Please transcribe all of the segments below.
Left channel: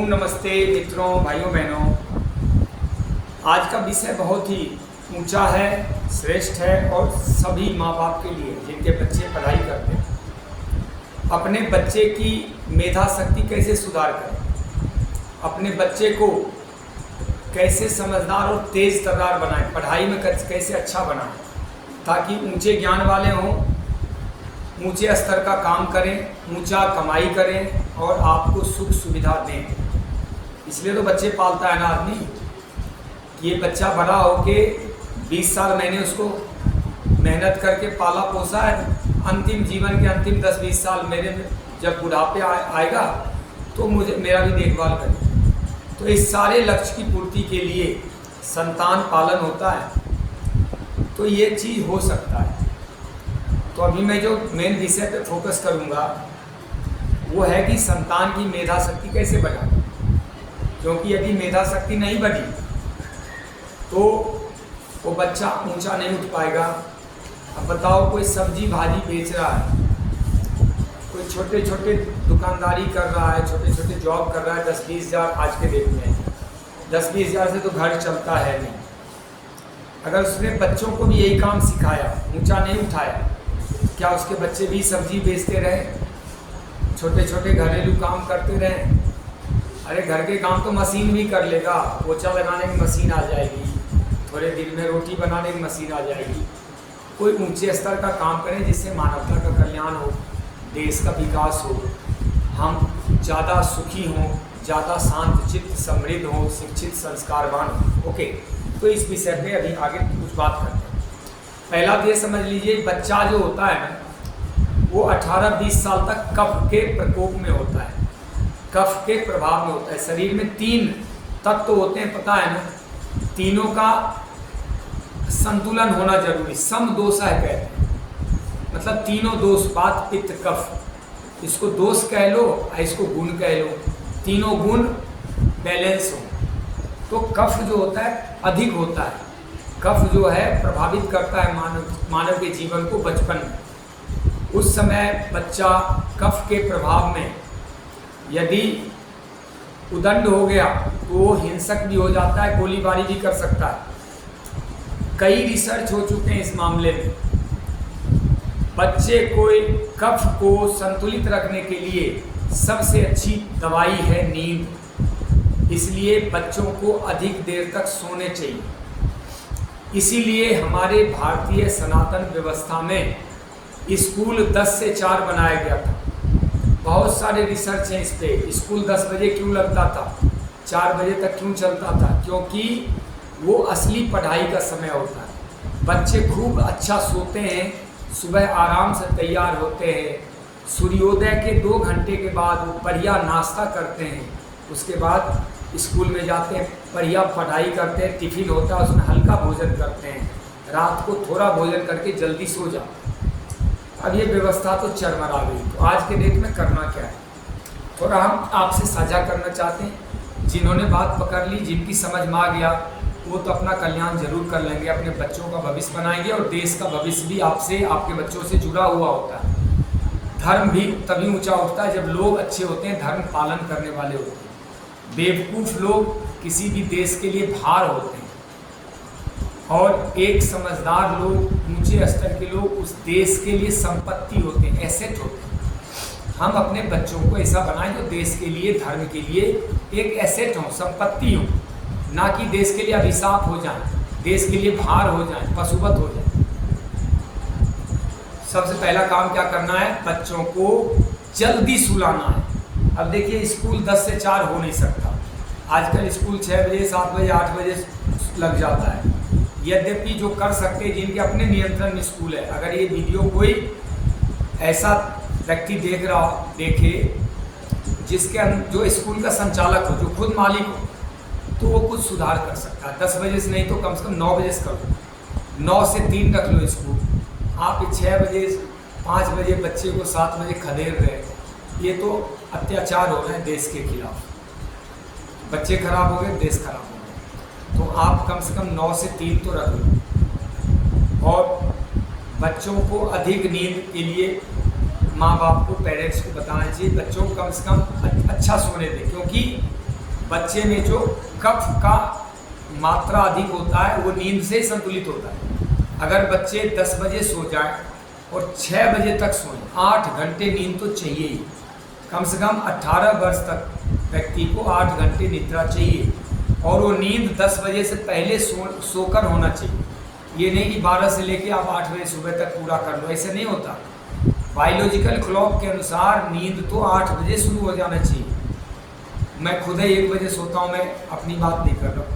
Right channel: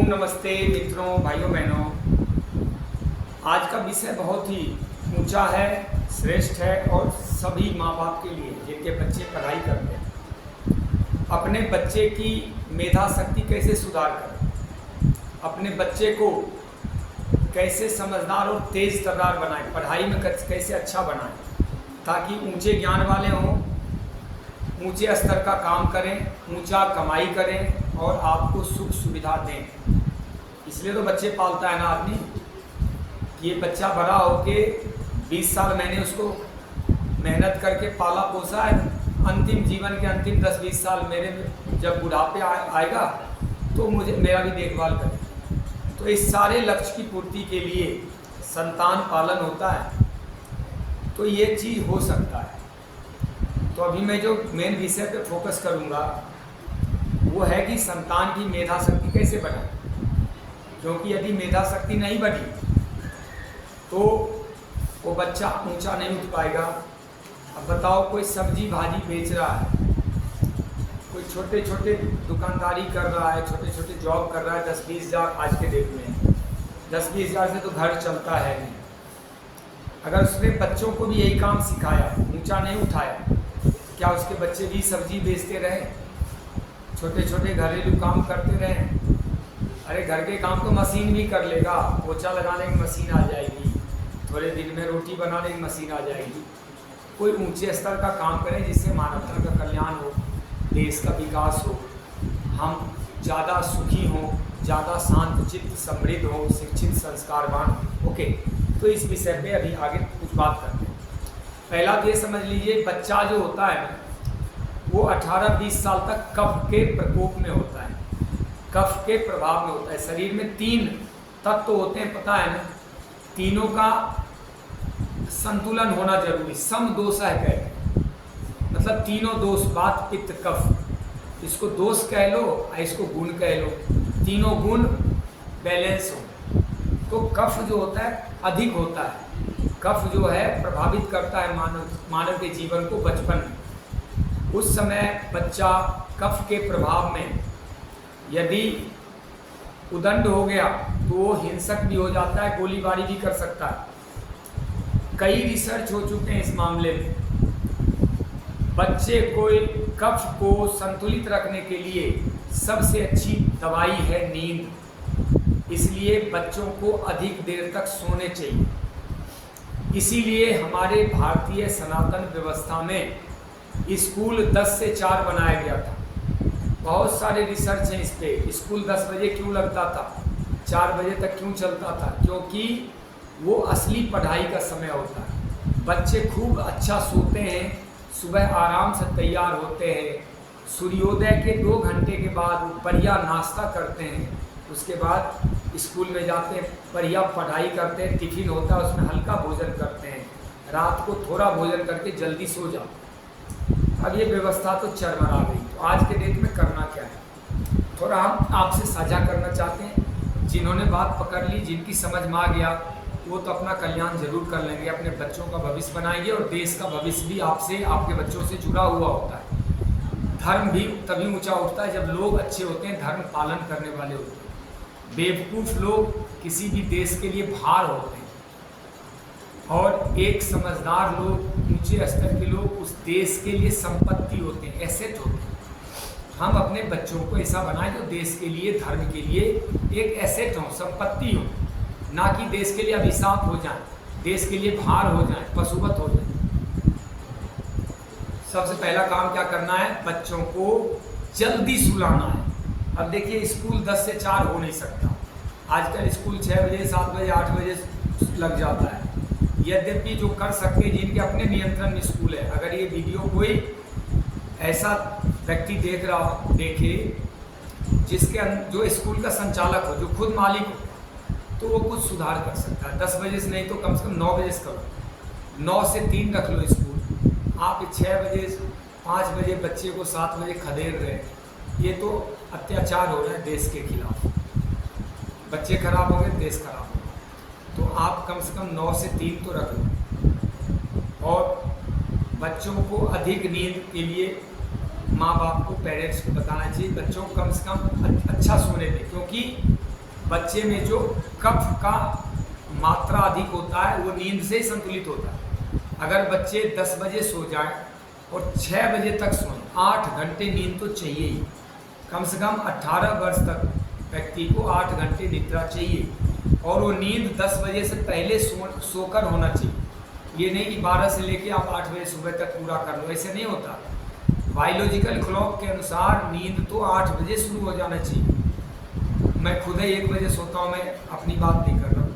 ओम नमस्ते मित्रों, भाइयों बहनों। आज का विषय बहुत ही ऊंचा है, श्रेष्ठ है और सभी माँ बाप के लिए जिनके बच्चे पढ़ाई करते हैं। अपने बच्चे की मेधा शक्ति कैसे सुधार करें, अपने बच्चे को कैसे समझदार और तेज तर्रार बनाएं, पढ़ाई में कैसे अच्छा बनाएं ताकि ऊंचे ज्ञान वाले हों, ऊंचे स्तर का काम करें, ऊंचा कमाई करें और आपको सुख सुविधा दें। इसलिए तो बच्चे पालता है ना आदमी। ये बच्चा बड़ा होके 20 साल मैंने उसको मेहनत करके पाला पोसा है, अंतिम जीवन के अंतिम 10-20 साल मेरे जब बुढ़ापे आएगा तो मुझे मेरा भी देखभाल करे। तो इस सारे लक्ष्य की पूर्ति के लिए संतान पालन होता है, तो ये चीज़ हो सकता है। तो अभी मैं जो मेन विषय पे फोकस करूँगा वो है कि संतान की मेधा शक्ति कैसे बढ़ाएं, क्योंकि यदि मेधा शक्ति नहीं बढ़ी तो वो बच्चा ऊंचा नहीं उठ पाएगा। अब बताओ, कोई सब्जी भाजी बेच रहा है, कोई छोटे छोटे दुकानदारी कर रहा है, छोटे छोटे जॉब कर रहा है, 10-20 हज़ार आज के डेट में 10-20 हज़ार से तो घर चलता है नहीं। अगर उसने बच्चों को भी यही काम सिखाया, ऊंचा नहीं उठाया, क्या उसके बच्चे भी सब्जी बेचते रहे, छोटे छोटे घरेलू काम करते रहे? अरे घर के काम तो मशीन भी कर लेगा, पोछा लगाने की मशीन आ जाएगी, थोड़े दिन में रोटी बनाने की मशीन आ जाएगी। कोई ऊंचे स्तर का काम करें जिससे मानवता का कल्याण हो, देश का विकास हो, हम ज़्यादा सुखी हों, ज़्यादा शांत चित्त समृद्ध हों, शिक्षित संस्कारवान हों। ओके, तो इस विषय में अभी आगे कुछ बात करते हैं। पहला तो ये समझ लीजिए, बच्चा जो होता है ना वो 18-20 साल तक कफ के प्रकोप में होता है, कफ के प्रभाव में होता है। शरीर में 3 तत्व होते हैं, पता है ना, तीनों का संतुलन होना जरूरी, समदोष है कहते हैं। मतलब तीनों दोष, वात पित्त कफ, इसको दोष कह लो, इसको गुण कह लो, तीनों गुण बैलेंस हो तो कफ जो होता है अधिक होता है। कफ जो है प्रभावित करता है मानव के जीवन को बचपन में। उस समय बच्चा कफ के प्रभाव में यदि उदंड हो गया तो वो हिंसक भी हो जाता है, गोलीबारी भी कर सकता है। कई रिसर्च हो चुके हैं इस मामले में। बच्चे को कफ को संतुलित रखने के लिए सबसे अच्छी दवाई है नींद, इसलिए बच्चों को अधिक देर तक सोने चाहिए। इसीलिए हमारे भारतीय सनातन व्यवस्था में स्कूल 10 से 4 बनाया गया था। बहुत सारे रिसर्च हैं इस पे। स्कूल 10 बजे क्यों लगता था, 4 बजे तक क्यों चलता था? क्योंकि वो असली पढ़ाई का समय होता है। बच्चे खूब अच्छा सोते हैं, सुबह आराम से तैयार होते हैं, सूर्योदय के 2 घंटे के बाद वो बढ़िया नाश्ता करते हैं, उसके बाद स्कूल में जाते हैं, बढ़िया पढ़ाई करते हैं, टिफिन होता है उसमें हल्का भोजन करते हैं, रात को थोड़ा भोजन करके जल्दी सो जाओ। अब ये व्यवस्था तो चरमरा गई, तो आज के डेट में करना क्या है, थोड़ा हम आपसे साझा करना चाहते हैं। जिन्होंने बात पकड़ ली, जिनकी समझ में आ गया, वो तो अपना कल्याण जरूर कर लेंगे, अपने बच्चों का भविष्य बनाएंगे और देश का भविष्य भी आपसे, आपके बच्चों से जुड़ा हुआ होता है। धर्म भी तभी ऊंचा उठता है जब लोग अच्छे होते हैं, धर्म पालन करने वाले होते हैं। बेवकूफ़ लोग किसी भी देश के लिए भार होते हैं और एक समझदार लोग, ऊंचे स्तर के लोग उस देश के लिए संपत्ति होते हैं, एसेट होते हैं। हम अपने बच्चों को ऐसा बनाएं जो देश के लिए, धर्म के लिए एक एसेट हो, संपत्ति हो, ना कि देश के लिए अभिशाप हो जाए, देश के लिए भार हो जाए, पशुवत हो जाए। सबसे पहला काम क्या करना है, बच्चों को जल्दी सुलाना है। अब देखिए, स्कूल 10 से 4 हो नहीं सकता। आजकल स्कूल 6 बजे, 7 बजे, 8 बजे लग जाता है। यद्यपि जो कर सकते हैं, जिनके अपने नियंत्रण में स्कूल है, अगर ये वीडियो कोई ऐसा व्यक्ति देखे जिसके जो स्कूल का संचालक हो, जो खुद मालिक हो, तो वो कुछ सुधार कर सकता है। 10 बजे से नहीं तो कम से कम 9 बजे से करो, 9 से 3 रख लो स्कूल। आप 6 बजे 5 बजे बच्चे को 7 बजे खदेड़ रहे हैं, ये तो अत्याचार हो रहा है देश के खिलाफ। बच्चे खराब हो गए, देश खराब हो गया। तो आप कम से कम 9 से 3 तो रख लो। और बच्चों को अधिक नींद के लिए माँ बाप को, पेरेंट्स को बताना चाहिए बच्चों को कम से कम अच्छा सोने दें, क्योंकि बच्चे में जो कफ का मात्रा अधिक होता है वो नींद से संतुलित होता है। अगर बच्चे 10 बजे सो जाए और 6 बजे तक सोएं, 8 घंटे नींद तो चाहिए ही। कम से कम 18 वर्ष तक व्यक्ति को 8 घंटे निद्रा चाहिए और वो नींद 10 बजे से पहले सोकर होना चाहिए। ये नहीं कि 12 से लेके आप 8 बजे सुबह तक पूरा कर लो, ऐसे नहीं होता। बायोलॉजिकल क्लॉक के अनुसार नींद तो 8 बजे शुरू हो जाना चाहिए। मैं खुद ही 1 बजे सोता हूँ, मैं अपनी बात नहीं कर रहा हूँ।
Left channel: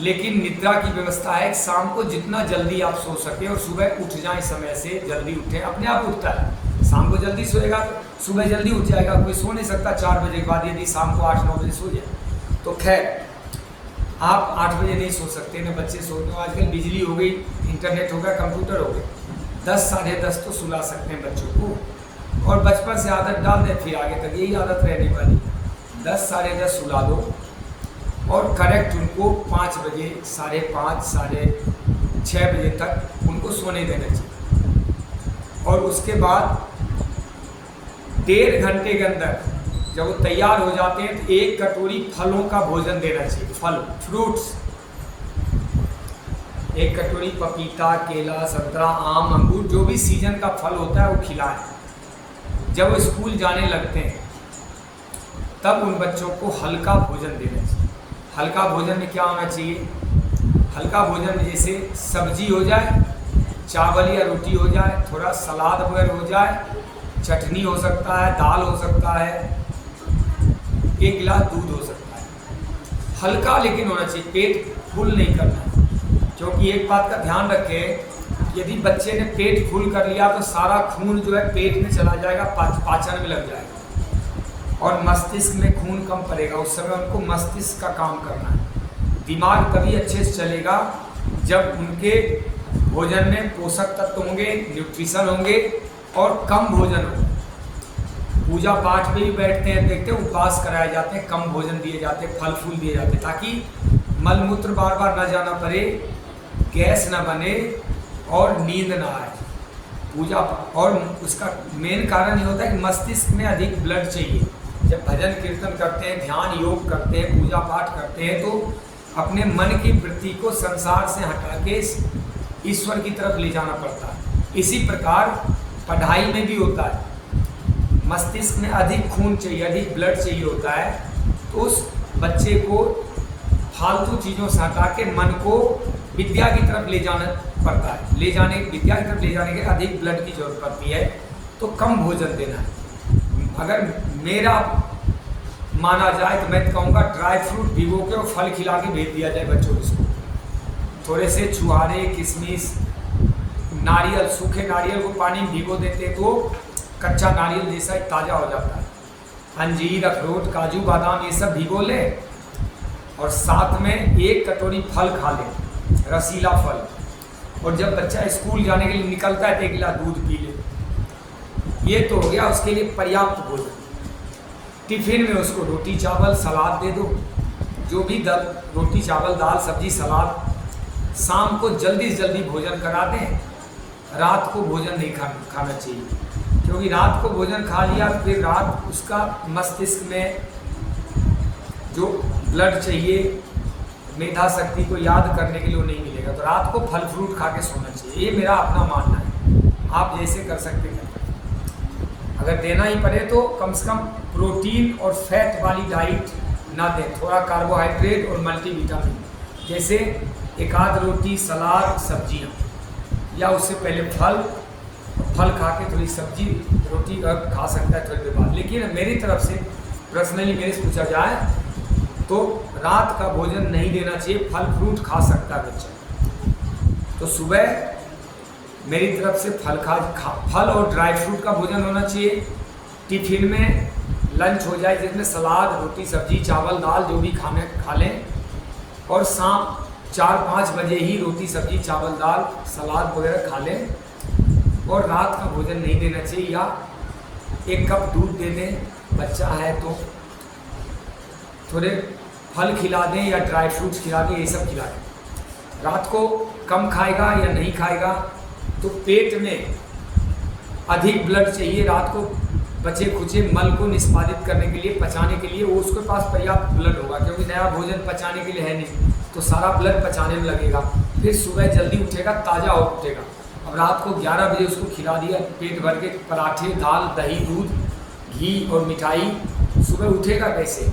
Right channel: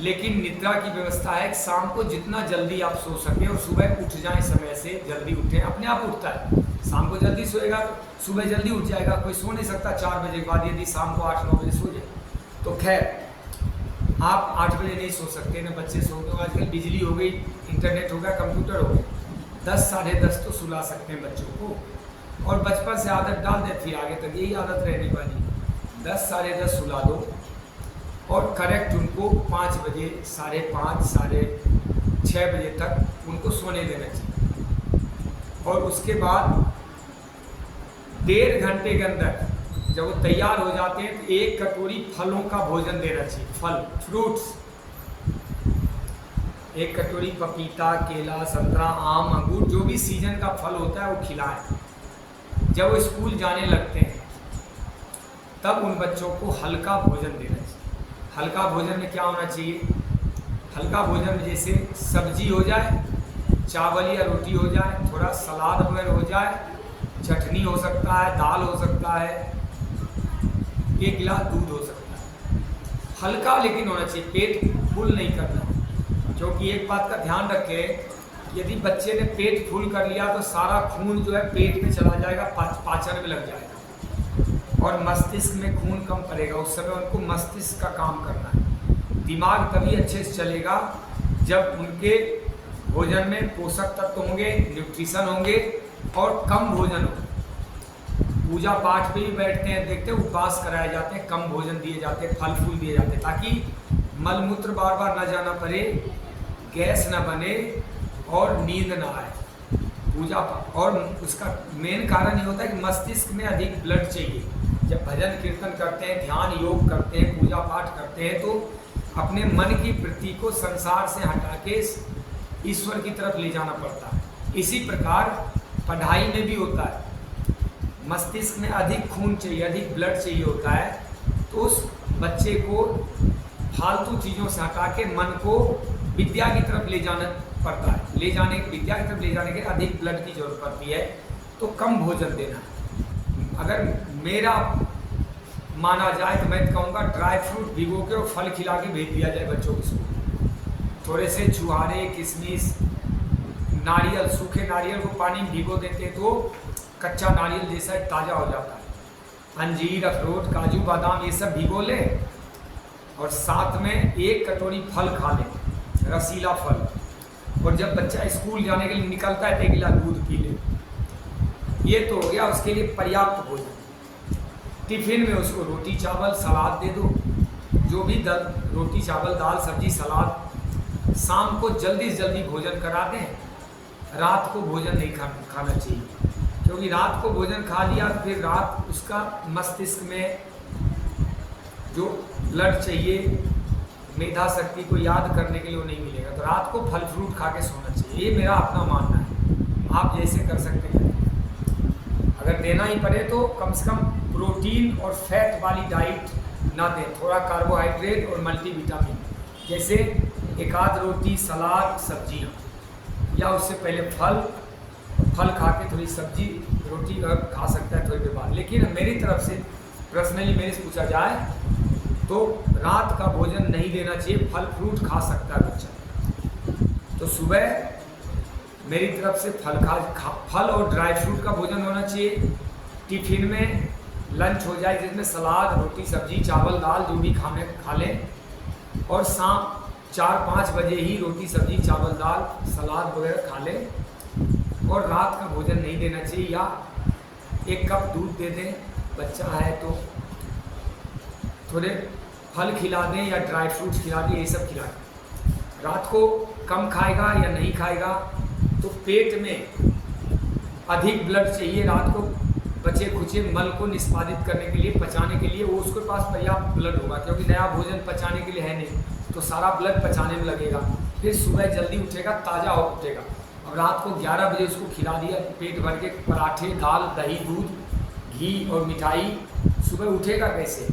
लेकिन निद्रा की व्यवस्था है शाम को जितना जल्दी आप सो सके और सुबह उठ जाएं, समय से जल्दी उठें। अपने आप उठता है, शाम को जल्दी सोएगा तो सुबह जल्दी उठ जाएगा। कोई सो नहीं सकता 4 बजे के बाद, यदि शाम को 8-9 बजे सो जाए तो। खैर आप 8 बजे नहीं सो सकते ना, बच्चे सो तो आजकल बिजली हो गई, इंटरनेट हो गया, कंप्यूटर हो गए, 10 साढ़े 10 तो सुला सकते हैं बच्चों को। और बचपन से आदत डाल दें, फिर आगे तक यही आदत रहने वाली। 10 साढ़े 10 सुला दो और करेक्ट उनको 5 बजे, 5:30, 6:30 बजे तक उनको सोने देना चाहिए। और उसके बाद 1.5 घंटे के अंदर जब वो तैयार हो जाते हैं तो 1 कटोरी फलों का भोजन देना चाहिए। फल, फ्रूट्स, 1 कटोरी पपीता, केला, संतरा, आम, अंगूर, जो भी सीजन का फल होता है वो खिलाएं। जब वो स्कूल जाने लगते हैं तब उन बच्चों को हल्का भोजन देना चाहिए। हल्का भोजन में क्या होना चाहिए? हल्का भोजन में जैसे सब्जी हो जाए, चावल या रोटी हो जाए, थोड़ा सलाद वगैरह हो जाए, चटनी हो सकता है, दाल हो सकता है, 1 गिलास दूध हो सकता है। हल्का लेकिन होना चाहिए, पेट फुल नहीं करना है। क्योंकि एक बात का ध्यान रखें, यदि बच्चे ने पेट फुल कर लिया तो सारा खून जो है पेट में चला जाएगा, पाचन में लग जाएगा और मस्तिष्क में खून कम पड़ेगा। उस समय उनको मस्तिष्क का काम करना है। दिमाग तभी अच्छे से चलेगा जब उनके भोजन में पोषक तत्व होंगे, न्यूट्रिशन होंगे और कम भोजन होगा। पूजा पाठ में भी बैठते हैं, देखते हैं उपवास कराए जाते हैं, कम भोजन दिए जाते हैं, फल फूल दिए जाते हैं, ताकि मल मूत्र बार बार न जाना पड़े, गैस न बने और नींद ना आए। पूजा और उसका मेन कारण ये होता है कि मस्तिष्क में अधिक ब्लड चाहिए। जब भजन कीर्तन करते हैं, ध्यान योग करते हैं, पूजा पाठ करते हैं तो अपने मन की वृत्ति को संसार से हटा के ईश्वर की तरफ ले जाना पड़ता है। इसी प्रकार पढ़ाई में भी होता है, मस्तिष्क में अधिक खून चाहिए, अधिक ब्लड चाहिए होता है, तो उस बच्चे को फालतू चीज़ों से हटा के मन को विद्या की तरफ ले जाना पड़ता है। विद्या की तरफ ले जाने के अधिक ब्लड की जरूरत पड़ती है, तो कम भोजन देना है। अगर मेरा माना जाए तो मैं कहूँगा ड्राई फ्रूट भिगो के और फल खिला के भेज दिया जाए बच्चों को। थोड़े से छुहारे, किशमिश, नारियल, सूखे नारियल को पानी में भिगो देते तो कच्चा नारियल जैसा ताज़ा हो जाता है। अंजीर, अखरोट, काजू, बादाम ये सब भिगो लें और साथ में 1 कटोरी फल खा लें, रसीला फल। और जब बच्चा स्कूल जाने के लिए निकलता है तो 1 गिलास दूध पी ले। ये तो हो गया उसके लिए पर्याप्त भोजन। टिफिन में उसको रोटी चावल सलाद दे दो, जो भी रोटी चावल दाल सब्जी सलाद। शाम को जल्दी से जल्दी भोजन करा दें। रात को भोजन नहीं खाना चाहिए, क्योंकि रात को भोजन खा लिया तो फिर रात उसका मस्तिष्क में जो ब्लड चाहिए, मेधा शक्ति को याद करने के लिए वो नहीं मिलेगा। तो रात को फल फ्रूट खा के सोना चाहिए। ये मेरा अपना मानना है, आप जैसे कर सकते हैं। अगर देना ही पड़े तो कम से कम प्रोटीन और फैट वाली डाइट ना दें, थोड़ा कार्बोहाइड्रेट और मल्टीविटामिन, जैसे 1 आध रोटी, सलाद, सब्जियाँ, या उससे पहले फल खा के थोड़ी सब्जी रोटी खा सकता है थोड़ी देर बाद। लेकिन मेरी तरफ से पर्सनली मेरे से पूछा जाए तो रात का भोजन नहीं देना चाहिए, फल फ्रूट खा सकता है बच्चा। तो सुबह मेरी तरफ से फल और ड्राई फ्रूट का भोजन होना चाहिए। टिफिन में लंच हो जाए जिसमें सलाद, रोटी, सब्जी, चावल, दाल जो भी खा लें। और शाम 4-5 बजे ही रोटी, सब्जी, चावल, दाल, सलाद वगैरह खा लें। और रात का भोजन नहीं देना चाहिए, या 1 कप दूध दे दें, बच्चा है तो थोड़े फल खिला दें या ड्राई फ्रूट्स खिला दें, ये सब खिला दें। रात को कम खाएगा या नहीं खाएगा तो पेट में अधिक ब्लड चाहिए, रात को बचे खुचे मल को निष्पादित करने के लिए, पचाने के लिए वो उसके पास पर्याप्त ब्लड होगा, क्योंकि नया भोजन पचाने के लिए है नहीं, तो सारा ब्लड पचाने में लगेगा। फिर सुबह जल्दी उठेगा, ताज़ा हो उठेगा। अब रात को 11 बजे उसको खिला दिया पेट भर के पराठे, दाल, दही, दूध, घी और मिठाई, सुबह उठेगा कैसे?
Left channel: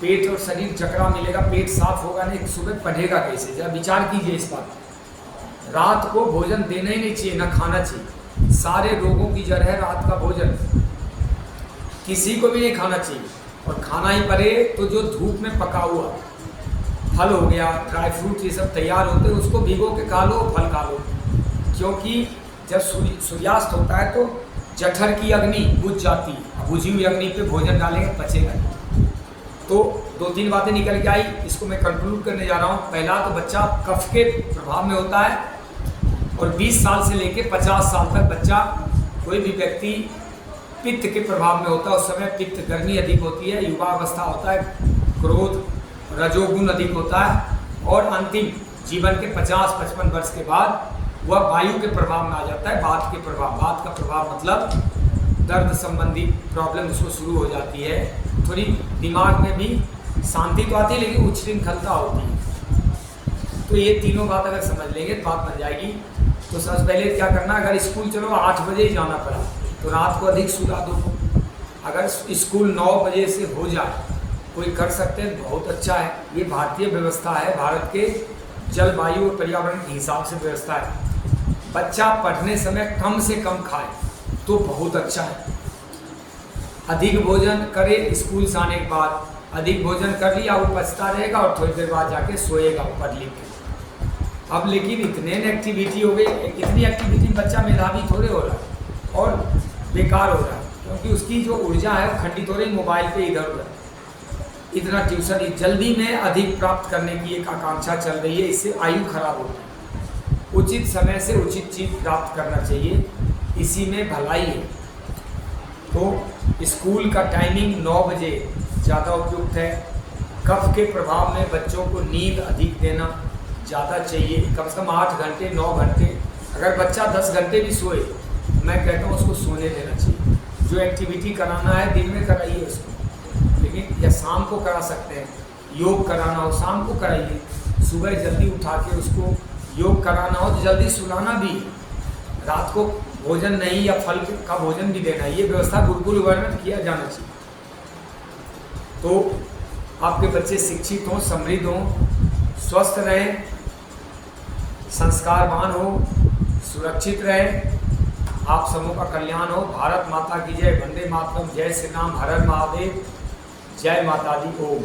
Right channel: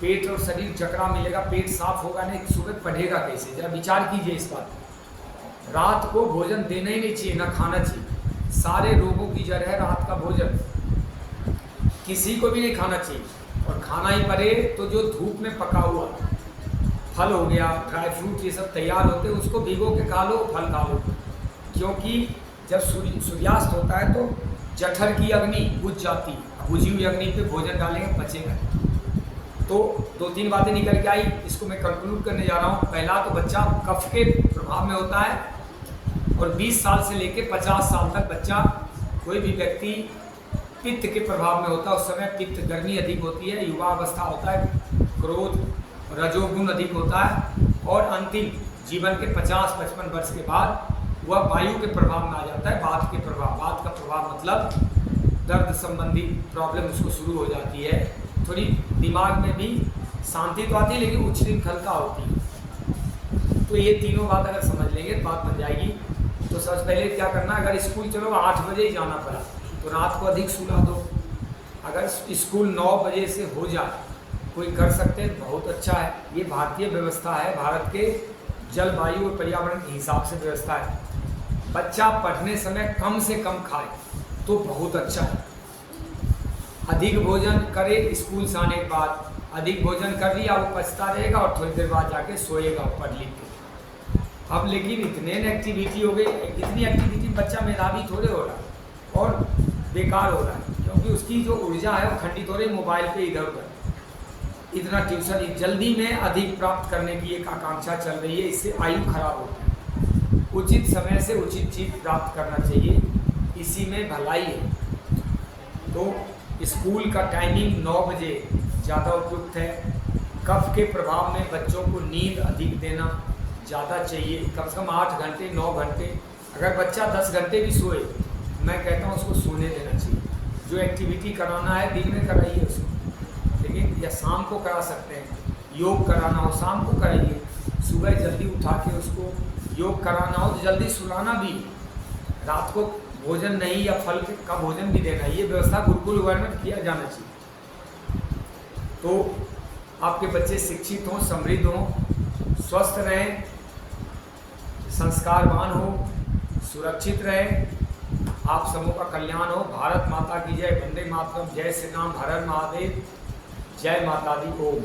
पेट और शरीर जकड़ा मिलेगा, पेट साफ होगा नहीं, सुबह पढ़ेगा कैसे? जरा विचार कीजिए इस बात। रात को भोजन देना ही नहीं चाहिए, ना खाना चाहिए। सारे रोगों की जड़ है रात का भोजन, किसी को भी नहीं खाना चाहिए। और खाना ही पड़े तो जो धूप में पका हुआ फल हो गया, ड्राई फ्रूट, ये सब तैयार होते हैं, उसको भिगो के खा लो, फल खा लो। क्योंकि जब सूर्यास्त होता है तो जठर की अग्नि बुझ जाती है, बुझी हुई अग्नि पे भोजन डालेंगे पचेगा। तो 2-3 बातें निकल के आई, इसको मैं कंक्लूड करने जा रहा हूँ। पहला तो बच्चा कफ के प्रभाव में होता है, और 20 साल से लेकर 50 साल तक बच्चा, कोई भी व्यक्ति पित्त के प्रभाव में होता है। उस समय पित्त गर्मी अधिक होती है, युवा अवस्था होता है, क्रोध रजोगुण अधिक होता है, और अंतिम जीवन के 50-55 वर्ष के बाद वह वायु के प्रभाव में आ जाता है, वात के प्रभाव। वात का प्रभाव मतलब दर्द संबंधी प्रॉब्लम उसको शुरू हो जाती है। थोड़ी दिमाग में भी शांति तो आती है, लेकिन उच्छृंखलता होती है। तो ये तीनों बात अगर समझ लेंगे तो बात बन जाएगी। तो सबसे पहले क्या करना, अगर स्कूल चलो 8 बजे ही जाना पड़ा तो रात को अधिक सुला दो। अगर स्कूल 9 बजे से हो जाए, कोई कर सकते हैं, बहुत अच्छा है। ये भारतीय व्यवस्था है, भारत के जलवायु और पर्यावरण के हिसाब से व्यवस्था है। बच्चा पढ़ने समय कम से कम खाए तो बहुत अच्छा है। अधिक भोजन करे स्कूल से आने के बाद, अधिक भोजन कर लिया वो पछता रहेगा और थोड़ी देर बाद जाके सोएगा पढ़ लिख के। अब लेकिन इतने एक्टिविटी हो गई, इतनी एक्टिविटी में बच्चा मेधावी थोड़े हो रहा है और बेकार हो रहा है, क्योंकि उसकी जो ऊर्जा है वो खंडित हो रही मोबाइल पे इधर उधर। इतना ट्यूशन जल्दी में अधिक प्राप्त करने की एक आकांक्षा चल रही है, इससे आयु खराब होती है। उचित समय से उचित चीज प्राप्त करना चाहिए, इसी में भलाई है। तो स्कूल का टाइमिंग 9 बजे ज़्यादा उपयुक्त है। कफ के प्रभाव में बच्चों को नींद अधिक देना ज़्यादा चाहिए, कम से कम 8 घंटे 9 घंटे। अगर बच्चा 10 घंटे भी सोए, मैं कहता हूँ उसको सोने देना चाहिए। जो एक्टिविटी कराना है दिन में कराइए उसको, लेकिन या शाम को करा सकते हैं। योग कराना हो शाम को कराइए, सुबह जल्दी उठा के उसको योग कराना हो तो जल्दी सुलाना भी। रात को भोजन नहीं या फल का भोजन भी देना, ये व्यवस्था गुरुकुल वगैरह में किया जाना चाहिए। तो आपके बच्चे शिक्षित हों, समृद्ध हों, स्वस्थ रहें, संस्कारवान हो, सुरक्षित रहें, आप सबों का कल्याण हो। भारत माता की जय, वंदे मातरम, जय श्री राम, हर हर महादेव, जय माता दी, ओम।